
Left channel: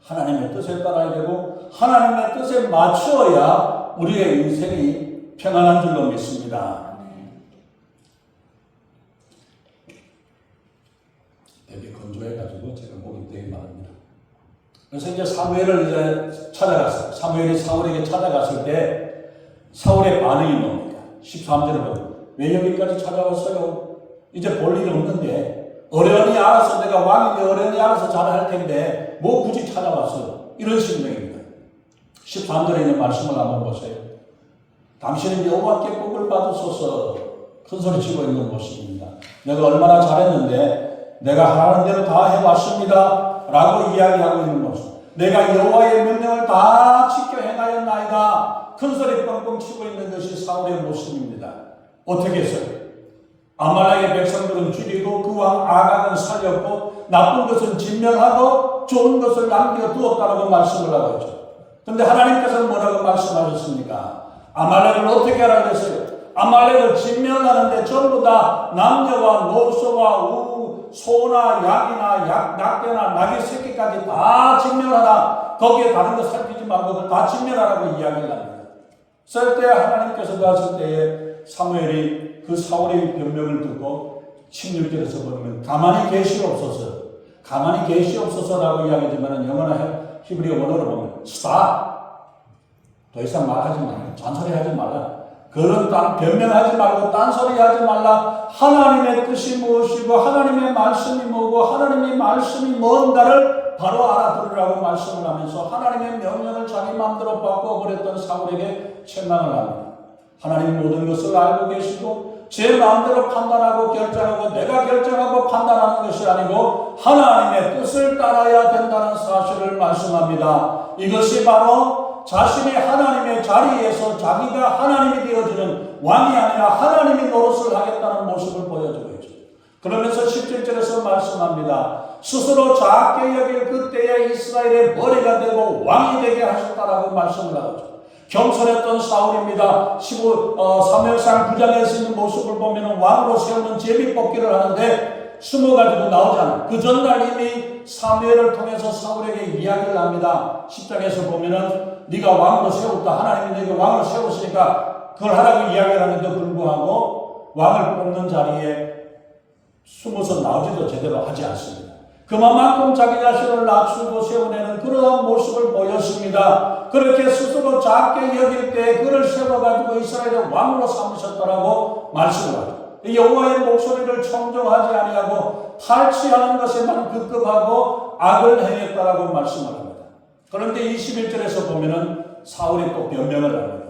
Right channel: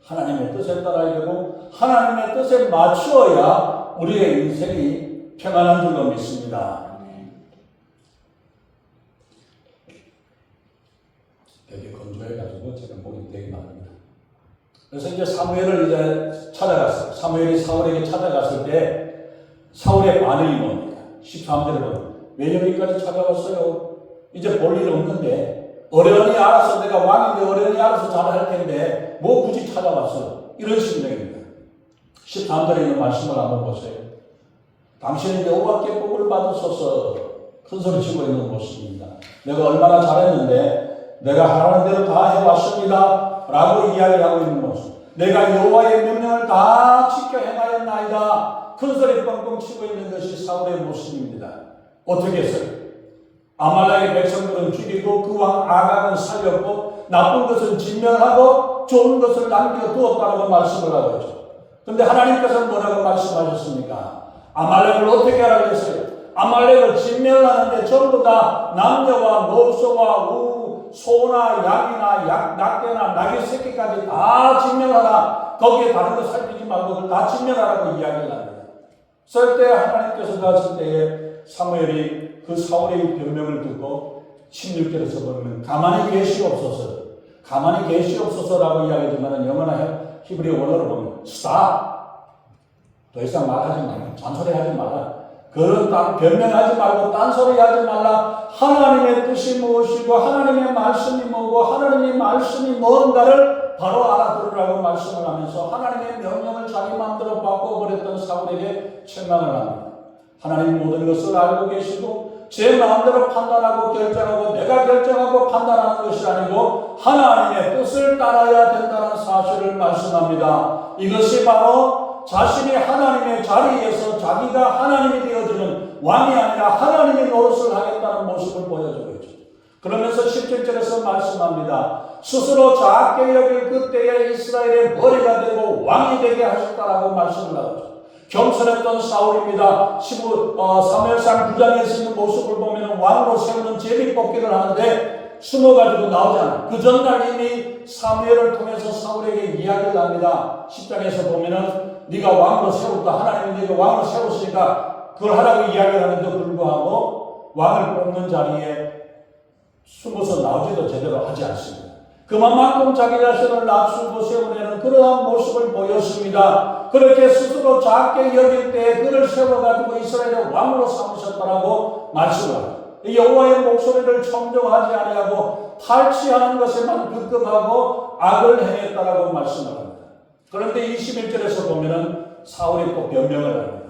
하나님의 뜻에 따라야 되고 하나님의 뜻에 맞추어야 우리의 인생이 평안한 줄로 믿습니다. 되게 건조해가지고 제가 목이 되게 마릅니다. 그래서 이제 사무엘을 이제 찾아갔어요. 사무엘이 사울에게 찾아갔을 때 사울의 반응이 뭡니까? 13절을 보면 왜 여기까지 찾아왔어요? 이제 볼 일 없는데 어련히 알아서 내가 왕인데 어련히 알아서 잘할 텐데 뭐 굳이 찾아왔어요? 이런 심정입니다. 13절에 있는 말씀을 한번 보세요. 당신은 여호와께 복을 받으소서 큰 소리치고 있는 모습입니다. 내가 얼마나 잘했는데 내가 하라는 대로 다 해왔습니다 라고 이야기하고 있는 모습. 내가 여호와의 명령을 다 지켜 행하였나이다 큰 소리 뻥뻥 치고 있는 것이 사울의 모습입니다. 어떻게 했어요? 아말렉의 백성들은 죽이고 그 왕 아각은 살렸고 나쁜 것은 진멸하고 좋은 것을 남겨두었다라고 말씀을 하고 있죠. 그런데 하나님께서는 뭐라고 말씀하셨습니까? 아말렉을 어떻게 하라고 했어요? 아말렉을 진멸하는데 전부 다 남녀와 노소와 소나 약이나 낙대나 나귀 새끼까지 다 진멸하라. 거기에 다른 거 살피지 말고 그걸 다 진멸하라고 이야기를 합니다. 쓸 때 하나님께서 갔을 때에 사무엘이 그 사울의 변명을 듣고 16절에서 보면 가만히 계시옵소서라고 이야기하지만 영어나 히브리 원어를 보면 스탑, 더 이상 말하지 마라, 잔소리하지 마라, 그런 변명하지 말고 딴소리하지 말라. 하나님의 뜻이 무엇이고 하나님의 말씀이 뭐고 하나님의 말씀이 뭔가를 바로 알아들으라고 말씀을 하면서 하나님의 명령을 자기 마음대로 바꿔버렸던 사울에게 책망을 합니다. 하나님 모든 것을 알고 계시고 제 마음대로 판단하고 결정하고 내가 결정하고 판단하는 것이 아니고 하나님의 뜻을 따라야 된다는 사실을 말씀합니다. 이것이 바로 자신이 하나님의 자리에서 자기가 하나님이 되어주는 왕이 아니라 하나님의 노릇을 하겠다는 모습을 보여주고 있죠. 그러면서 17절에서 말씀합니다. 스스로 작게 여길 그때에 이스라엘의 머리가 되고 왕이 되게 하셨다라고 말씀을 하죠. 겸손했던 사울입니다. 사무엘상 9장에서 있는 모습을 보면 왕으로 세우는 제비뽑기를 하는데 숨어가지고 나오잖아요. 그 전날 이미 사무엘을 통해서 사울에게 이야기를 합니다. 10장에서 보면은 네가 왕으로 세웠다. 하나님이 네가 왕으로 세웠으니까 그걸 하라고 이야기를 하는데도 불구하고 왕을 뽑는 자리에 숨어서 나오지도 제대로 하지 않습니다. 그만큼 자기 자신을 낮추고 세워내는 그러한 모습을 보였습니다. 그렇게 스스로 작게 여길 때 그를 세워가지고 이스라엘의 왕으로 삼으셨다라고 말씀을 하죠. 여호와의 목소리를 청종하지 아니하고 탈취하는 것에만 급급하고 악을 행했다라고 말씀을 합니다. 그런데 21절에서 보면은 사울이 또 변명을 합니다.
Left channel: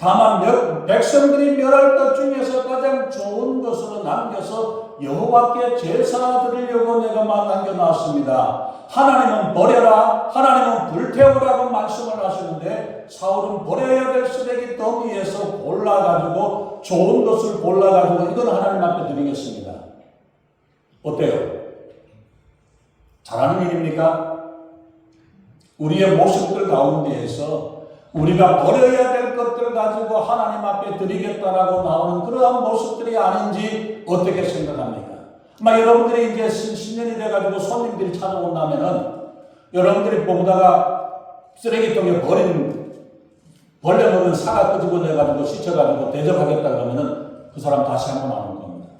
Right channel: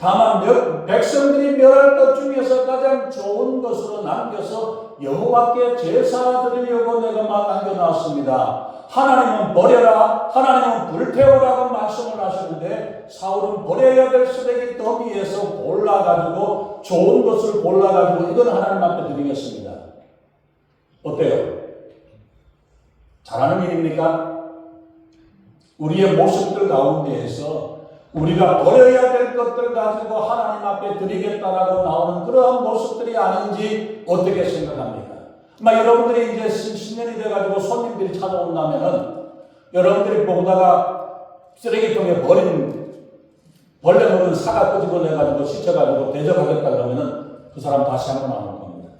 다만 백성들이 멸할 것 중에서 가장 좋은 것으로 남겨서 여호와께 제사 드리려고 내가 남겨놨습니다. 하나님은 버려라, 하나님은 불태우라고 말씀을 하시는데 사울은 버려야 될 쓰레기 더미에서 골라가지고 좋은 것을 골라가지고 이건 하나님 앞에 드리겠습니다. 어때요? 잘하는 일입니까? 우리의 모습들 가운데에서 우리가 버려야 될 것들 가지고 하나님 앞에 드리겠다라고 나오는 그러한 모습들이 아닌지 어떻게 생각합니까? 아마 여러분들이 이제 신년이 돼가지고 손님들이 찾아온다면은 여러분들이 보다가 쓰레기통에 벌레 먹은 사과 끄집어 내가지고 씻어가지고 대접하겠다 그러면은 그 사람 다시 한번 안 올 겁니다.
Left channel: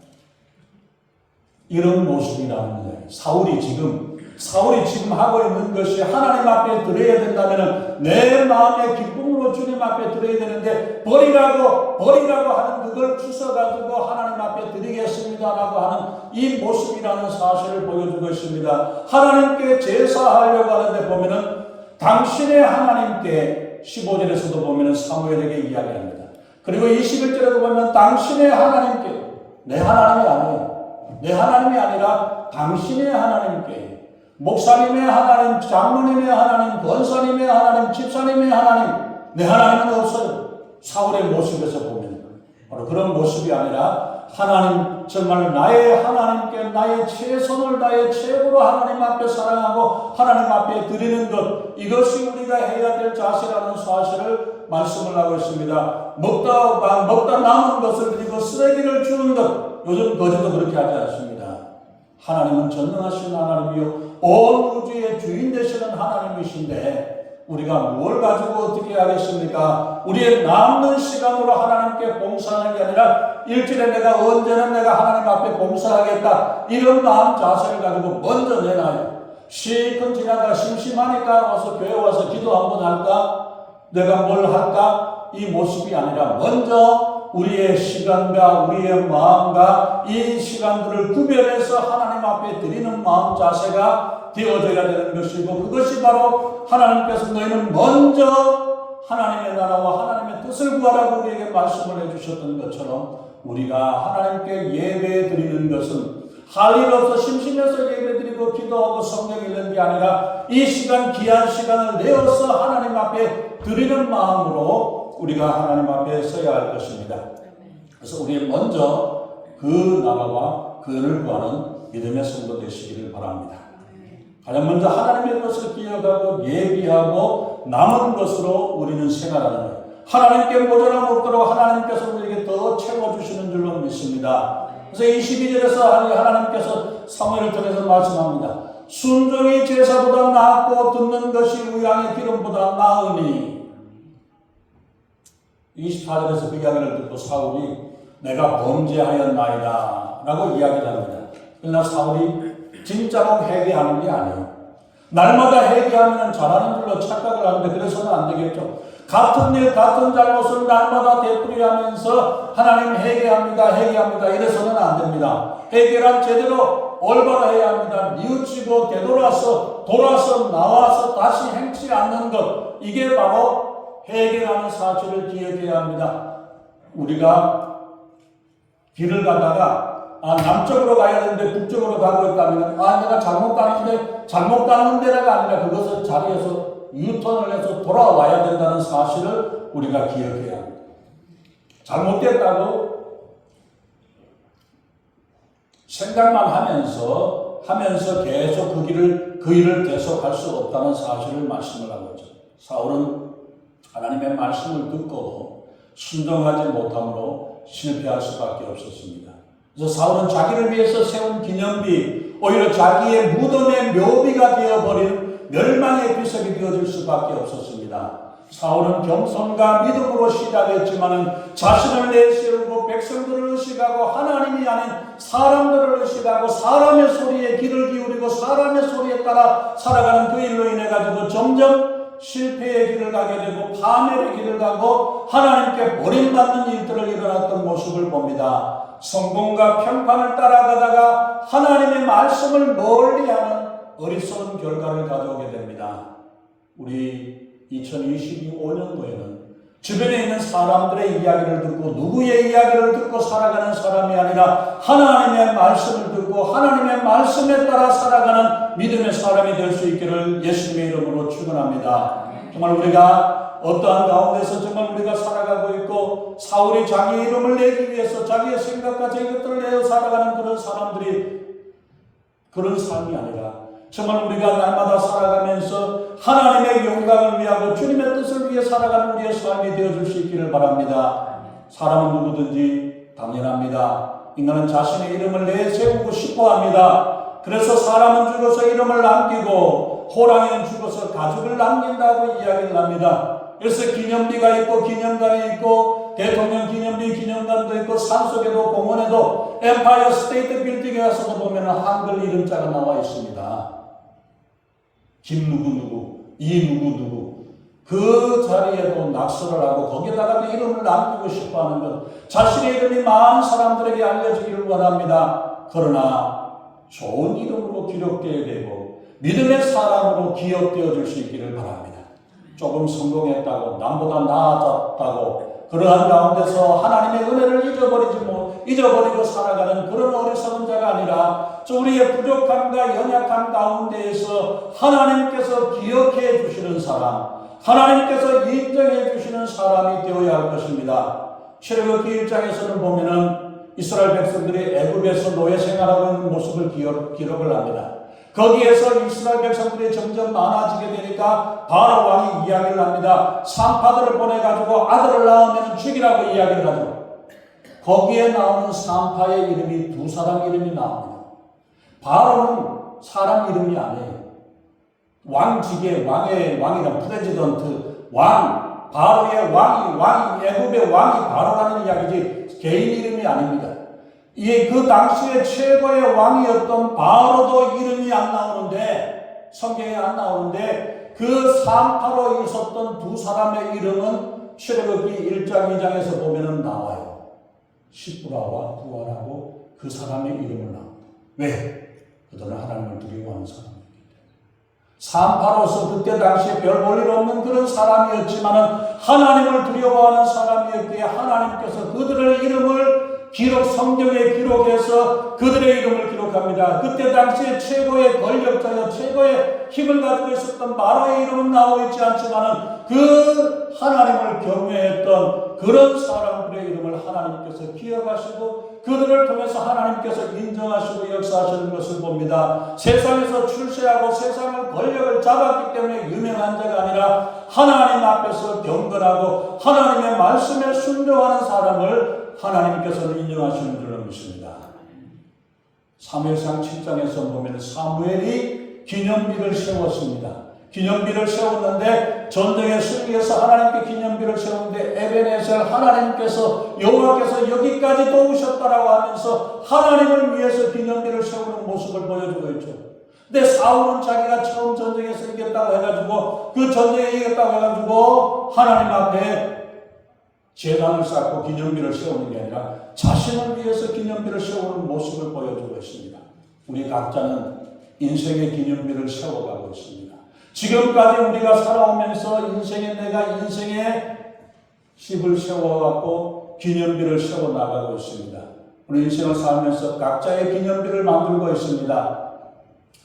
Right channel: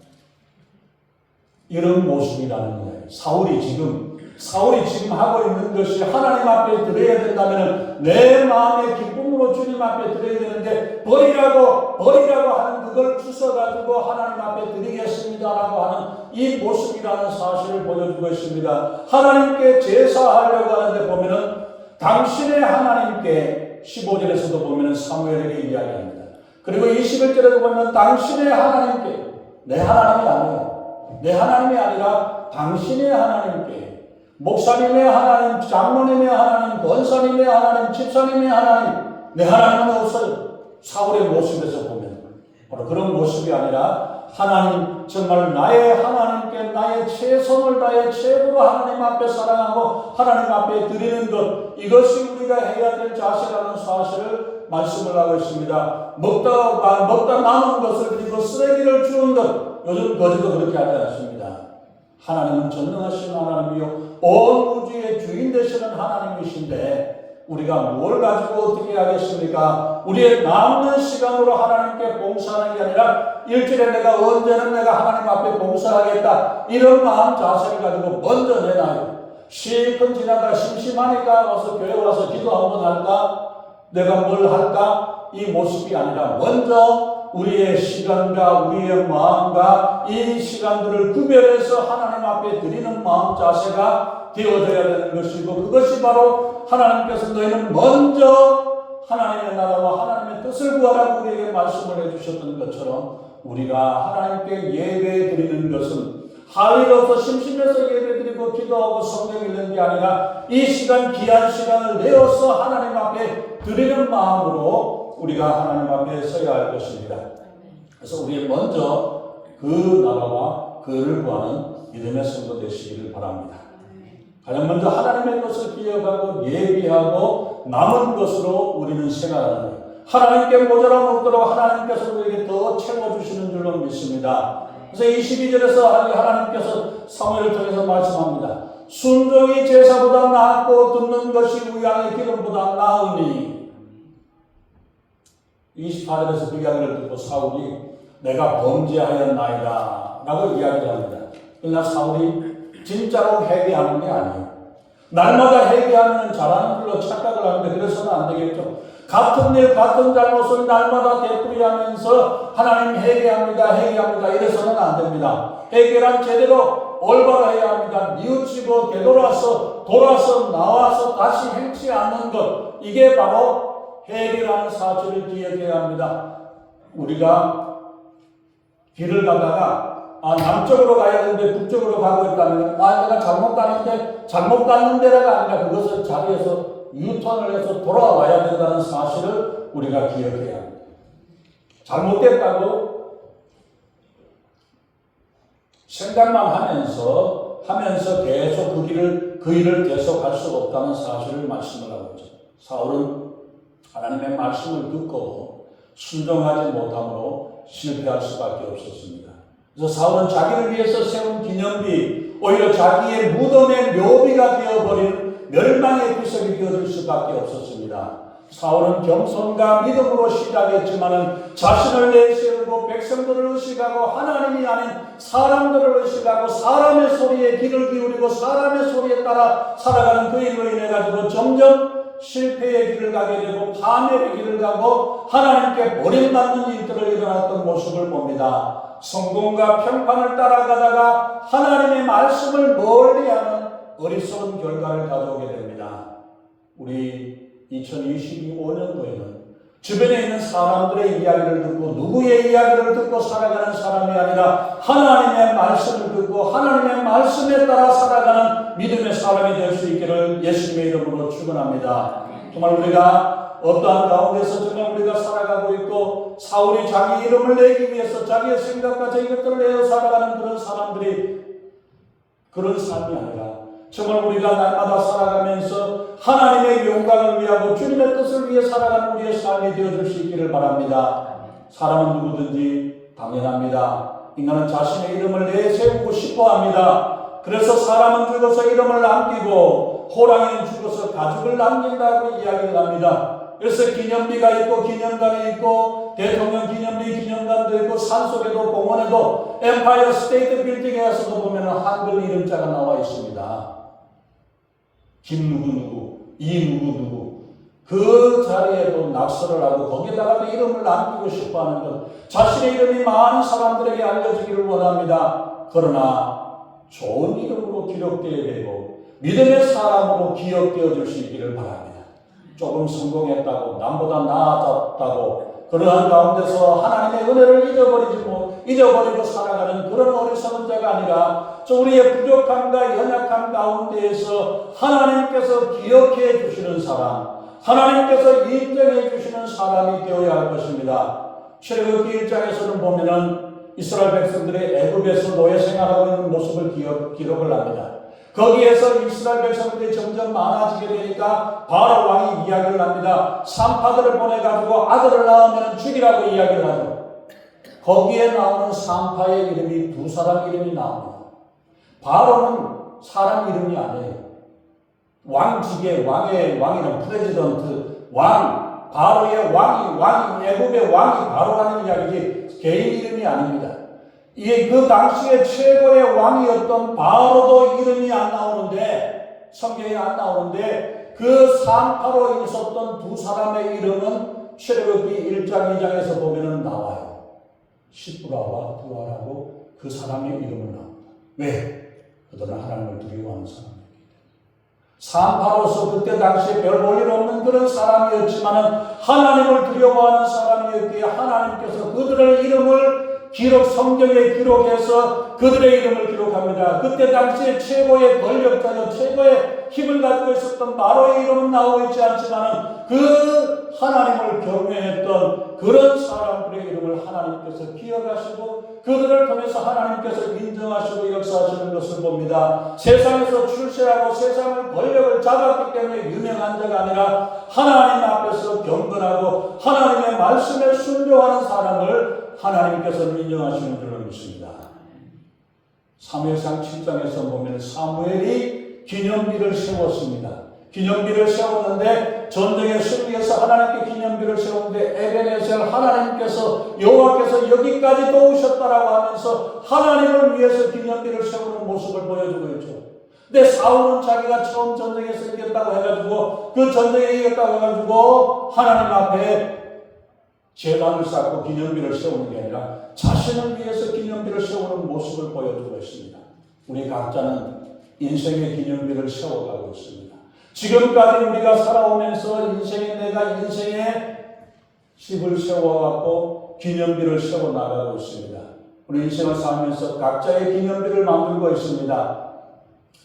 이런 모습이라는 거예요. 사울이 지금 하고 있는 것이 하나님 앞에 드려야 된다면 내 마음의 기쁨으로 주님 앞에 드려야 되는데 버리라고 하는 그걸 주워가지고 하나님 앞에 드리겠습니다라고 하는 이 모습이라는 사실을 보여주고 있습니다. 하나님께 제사하려고 하는데 보면은 당신의 하나님께 15절에서도 보면은 사무엘에게 이야기합니다. 그리고 21절에도 보면 당신의 하나님께 내 하나님이 아니에요. 내 하나님이 아니라 당신의 하나님께 목사님의 하나님, 장로님의 하나님, 권사님의 하나님, 집사님의 하나님, 내 하나님은 없어요. 사울의 모습에서 보면 바로 그런 모습이 아니라 하나님, 정말 나의 하나님께 나의 최선을 다해 최고로 하나님 앞에 사랑하고 하나님 앞에 드리는 것, 이것이 우리가 해야 될 자세라는 사실을 말씀을 하고 있습니다. 먹다 남은 것을 그리고 쓰레기를 주는 것, 요즘 거제도 그렇게 하지 않습니다. 하나님은 전능하신 하나님이요 온 우주의 주인 되시는 하나님이신데 우리가 뭘 가지고 어떻게 하겠습니까? 우리의 남는 시간으로 하나님께 봉사하는 게 아니라 일주일에 언제는 내가 하나님 앞에 봉사하겠다 이런 마음 자세를 가지고 먼저 내놔요. 실컷 지나다 심심하니까 와서 교회 와서 기도 한번 할까? 내가 뭘 할까? 이 모습이 아니라 먼저 우리의 시간과 우리의 마음과 이 시간들을 구별해서 하나님 앞에 드리는 마음 자세가 되어져야 되는 것이고, 그것이 바로 하나님께서 너희는 먼저 하나님의 나라와 하나님의 뜻을 구하라고 우리에게 말씀을 해주셨던 것처럼, 우리가 하나님께 예배 드리는 것은 할 일 없어 심심해서 예배 드리고 기도하고 성경 읽는 게 아니라 이 시간, 귀한 시간을 내어서 하나님 앞에 드리는 마음으로 우리가 하나님 앞에 서야 할 것입니다. 그래서 우리는 먼저 그 나라와 그를 구하는 믿음의 성도 되시기를 바랍니다. 가장 먼저 하나님의 것을 기억하고 예비하고 남은 것으로 우리는 생활하는 것. 하나님께 모자람 없도록 하나님께서 우리에게 더 채워주시는 줄로 믿습니다. 그래서 22절에서 하나님께서 사무엘을 통해서 말씀합니다. 순종이 제사보다 낫고 듣는 것이 우양의 기름보다 나으니. 28절에서 그 이야기를 듣고 사울이 내가 범죄하였나이다 라고 이야기를 합니다. 그러나 사울이 진짜로 회개하는 게 아니에요. 날마다 회개하면 잘하는 줄로 착각을 하는데 그래서는 안 되겠죠. 같은 일, 같은 잘못을 날마다 되풀이하면서 하나님 회개합니다 이래서는 안 됩니다. 회개란 제대로 올바로 해야 합니다. 뉘우치고 되돌아서 나와서 다시 행치 않는 것, 이게 바로 회개라는 사실을 기억해야 합니다. 우리가 길을 가다가 남쪽으로 가야 되는데 북쪽으로 가고 있다면 내가 잘못 가는 데라가 아니라 그것을 자리에서 유턴을 해서 돌아와야 된다는 사실을 우리가 기억해야 합니다. 잘못됐다고 생각만 하면서 계속 그 일을 계속 할 수 없다는 사실을 말씀을 하고 있죠. 사울은 하나님의 말씀을 듣고 순종하지 못함으로 실패할 수밖에 없었습니다. 그래서 사울은 자기를 위해서 세운 기념비, 오히려 자기의 무덤의 묘비가 되어버린 멸망의 비석이 되어질 수밖에 없었습니다. 사울은 겸손과 믿음으로 시작했지만은 자신을 내세우고 백성들을 의식하고 하나님이 아닌 사람들을 의식하고 사람의 소리에 귀를 기울이고 사람의 소리에 따라 살아가는 그 일로 인해 가지고 점점 실패의 길을 가게 되고 파멸의 길을 가고 하나님께 버림받는 일들을 일어났던 모습을 봅니다. 성공과 평판을 따라가다가 하나님의 말씀을 멀리하는 어리석은 결과를 가져오게 됩니다. 우리 2025년도에는 주변에 있는 사람들의 이야기를 듣고 누구의 이야기를 듣고 살아가는 사람이 아니라 하나님의 말씀을 듣고 하나님의 말씀에 따라 살아가는 믿음의 사람이 될 수 있기를 예수님의 이름으로 축원합니다. 정말 우리가 어떠한 가운데서 정말 우리가 살아가고 있고 사울이 자기 이름을 내기 위해서 자기의 생각과 자기 것들을 내어 살아가는 그런 사람들이 그런 삶이 아니라 정말 우리가 날마다 살아가면서 하나님의 영광을 위하고 주님의 뜻을 위해 살아가는 우리의 삶이 되어줄 수 있기를 바랍니다. 사람은 누구든지 당연합니다. 인간은 자신의 이름을 내세우고 싶어합니다. 그래서 사람은 죽어서 이름을 남기고 호랑이는 죽어서 가죽을 남긴다고 이야기를 합니다. 그래서 기념비가 있고 기념관이 있고 대통령 기념비 기념관도 있고 산속에도 공원에도 엠파이어 스테이트 빌딩에 가서도 보면 한글 이름자가 나와 있습니다. 김 누구 이 누구 그 자리에도 낙서를 하고 거기에다가 이름을 남기고 싶어하는 것, 자신의 이름이 많은 사람들에게 알려지기를 원합니다. 그러나 좋은 이름으로 기록되어야 되고 믿음의 사람으로 기억되어질 수 있기를 바랍니다. 조금 성공했다고 남보다 나아졌다고 그러한 가운데서 하나님의 은혜를 잊어버리고 살아가는 그런 어리석은 자가 아니라 우리의 부족함과 연약함 가운데에서 하나님께서 기억해 주시는 사람, 하나님께서 인정해 주시는 사람이 되어야 할 것입니다. 출애굽기 1장에서는 보면은 이스라엘 백성들이 애굽에서 노예 생활하고 있는 모습을 기록을 합니다. 거기에서 이스라엘 백성들이 점점 많아지게 되니까 바로 왕이 이야기를 합니다. 산파들을 보내가지고 아들을 낳으면 죽이라고 이야기를 하죠. 거기에 나오는 산파의 이름이 두 사람 이름이 나옵니다. 바로는 사람 이름이 아니에요. 왕직의 왕이란 프레지던트 왕, 바로의 왕이 애굽의 왕이 바로라는 이야기지 개인 이름이 아닙니다. 그 당시에 최고의 왕이었던 바로도 이름이 안 나오는데 성경에 안 나오는데 그 산파로 있었던 두 사람의 이름은 출애굽기 1장 2장에서 보면 나와요. 시브라와 부하라고 그 사람의 이름을 나옵니다. 왜? 그들은 하나님을 두려워하는 사람이었기 때문에. 산파로서 그때 당시에 별 볼 일 없는 그런 사람이었지만 하나님을 두려워하는 사람이었기에 하나님께서 그들의 이름을 성경에 기록해서 그들의 이름을 기록합니다. 그때 당시에 최고의 권력자여 최고의 힘을 가지고 있었던 바로의 이름은 나오고 있지 않지만 그 하나님을 경외했던 그런 사람들의 이름을 하나님께서 기억하시고 그들을 통해서 하나님께서 인정하시고 역사하시는 것을 봅니다. 세상에서 출세하고 세상의 권력을 잡았기 때문에 유명한 자가 아니라 하나님 앞에서 경건하고 하나님의 말씀에 순종하는 사람을 하나님께서는 인정하시는 줄로 믿습니다. 사무엘상 7장에서 보면 사무엘이 기념비를 세웠습니다. 기념비를 세웠는데 전쟁에 승리해서 하나님께 기념비를 세웠는데 에베네셀 하나님께서 여호와께서 여기까지 도우셨다라고 하면서 하나님을 위해서 기념비를 세우는 모습을 보여주고 있죠. 근데 사울은 자기가 처음 전쟁에서 이겼다고 해가지고 그 전쟁에 이겼다고 해가지고 하나님 앞에 제단을 쌓고 기념비를 세우는 게 아니라 자신을 위해서 기념비를 세우는 모습을 보여주고 있습니다. 우리 각자는 인생의 기념비를 세워가고 있습니다. 지금까지 우리가 살아오면서 내가 인생의 집을 세워갖고 기념비를 세워나가고 있습니다. 우리 인생을 살면서 각자의 기념비를 만들고 있습니다.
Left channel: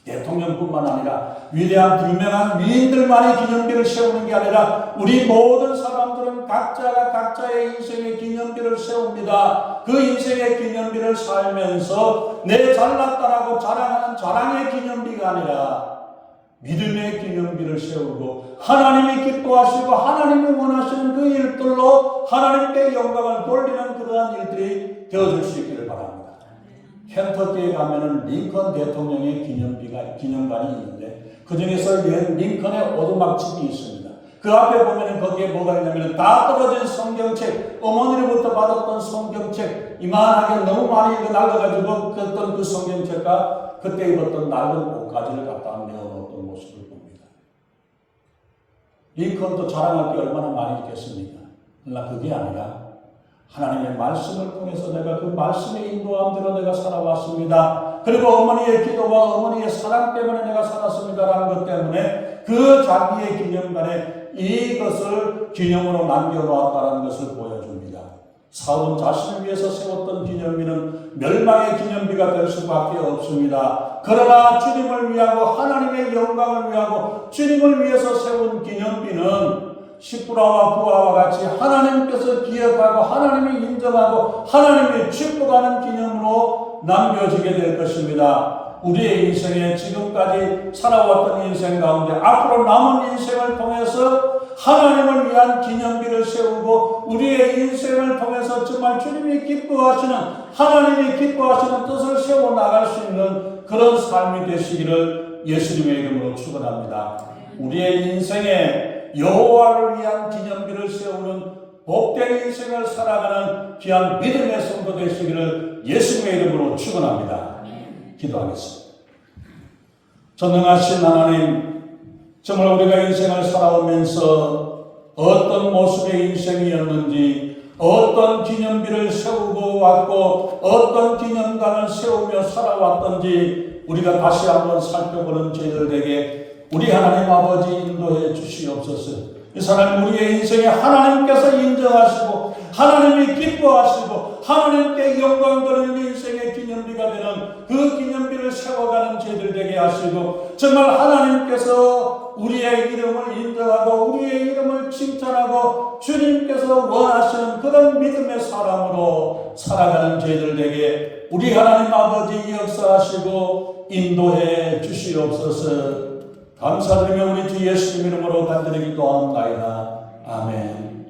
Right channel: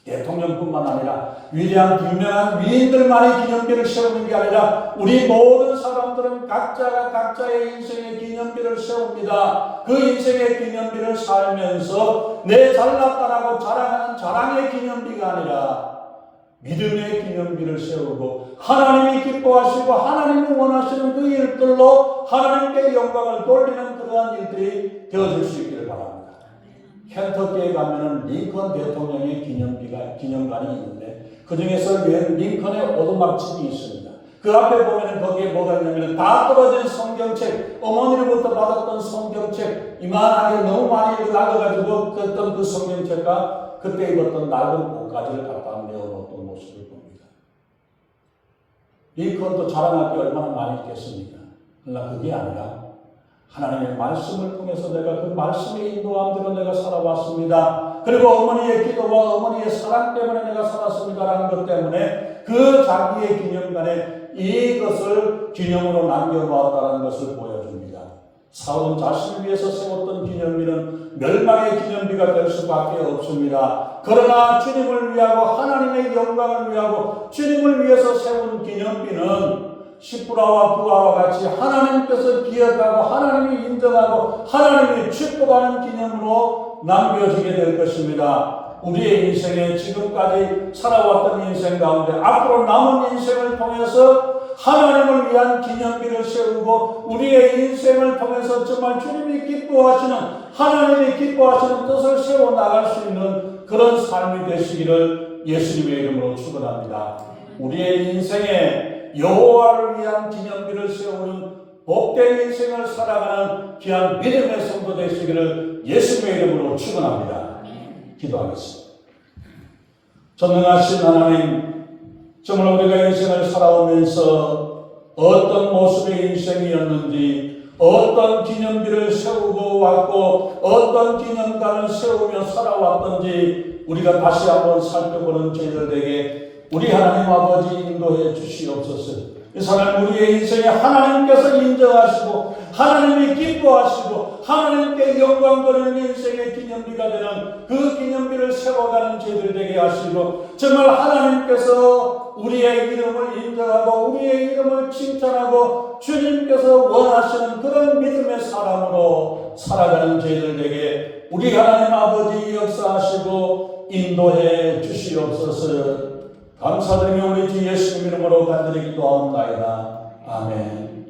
대통령뿐만 아니라 위대한 유명한 위인들만이 기념비를 세우는 게 아니라 우리 모든 사람들은 각자가 각자의 인생의 기념비를 세웁니다. 그 인생의 기념비를 살면서 내 잘났다라고 자랑하는 자랑의 기념비가 아니라 믿음의 기념비를 세우고 하나님이 기뻐하시고 하나님이 원하시는 그 일들로 하나님께 영광을 돌리는 그러한 일들이 되어질 수 있기를 바랍니다. 켄터키에 가면은 링컨 대통령의 기념관이 있는데 그 중에서 링컨의 오두막집이 있습니다. 그 앞에 보면은 거기에 뭐가 있냐면 다 떨어진 성경책, 어머니로부터 받았던 성경책 이만하게 너무 많이 읽고 날라가지고 그랬던 그 성경책과 그때 입었던 낡은 옷가지를 갖다 내어놓았던 모습을 봅니다. 링컨도 자랑할 게 얼마나 많이 있겠습니까? 그러나 그게 아니라 하나님의 말씀을 통해서 내가 그 말씀의 인도함대로 내가 살아왔습니다. 그리고 어머니의 기도와 어머니의 사랑 때문에 내가 살았습니다라는 것 때문에 그 자기의 기념관에 이것을 기념으로 남겨놓았다는 것을 보여줍니다. 사울은 자신을 위해서 세웠던 기념비는 멸망의 기념비가 될 수밖에 없습니다. 그러나 주님을 위하고 하나님의 영광을 위하고 주님을 위해서 세운 기념비는 시브라와 부하와 같이 하나님께서 기억하고 하나님이 인정하고 하나님이 축복하는 기념으로 남겨지게 될 것입니다. 우리의 인생에 지금까지 살아왔던 인생 가운데 앞으로 남은 인생을 통해서 하나님을 위한 기념비를 세우고 우리의 인생을 통해서 정말 주님이 기뻐하시는 하나님이 기뻐하시는 뜻을 세워나갈 수 있는 그런 삶이 되시기를 예수님의 이름으로 축원합니다. 우리의 인생에 여호와를 위한 기념비를 세우는 복된 인생을 살아가는 귀한 믿음의 성도 되시기를 예수님의 이름으로 축원합니다. 기도하겠습니다. 전능하신 하나님, 정말 우리가 인생을 살아오면서 어떤 모습의 인생이었는지 어떤 기념비를 세우고 왔고 어떤 기념관을 세우며 살아왔던지 우리가 다시 한번 살펴보는 저희들에게 우리 하나님 아버지 인도해 주시옵소서. 이 사람 우리의 인생에 하나님께서 인정하시고 하나님이 기뻐하시고 하나님께 영광 돌리는 인생의 기념비가 되는 그 기념비를 세워가는 저희들 되게 하시고 정말 하나님께서 우리의 이름을 인정하고 우리의 이름을 칭찬하고 주님께서 원하시는 그런 믿음의 사람으로 살아가는 저희들 되게 우리 하나님 아버지 역사하시고 인도해 주시옵소서. 감사드리며 우리 주 예수님 이름으로 간절히 기도하옵나이다. 아멘.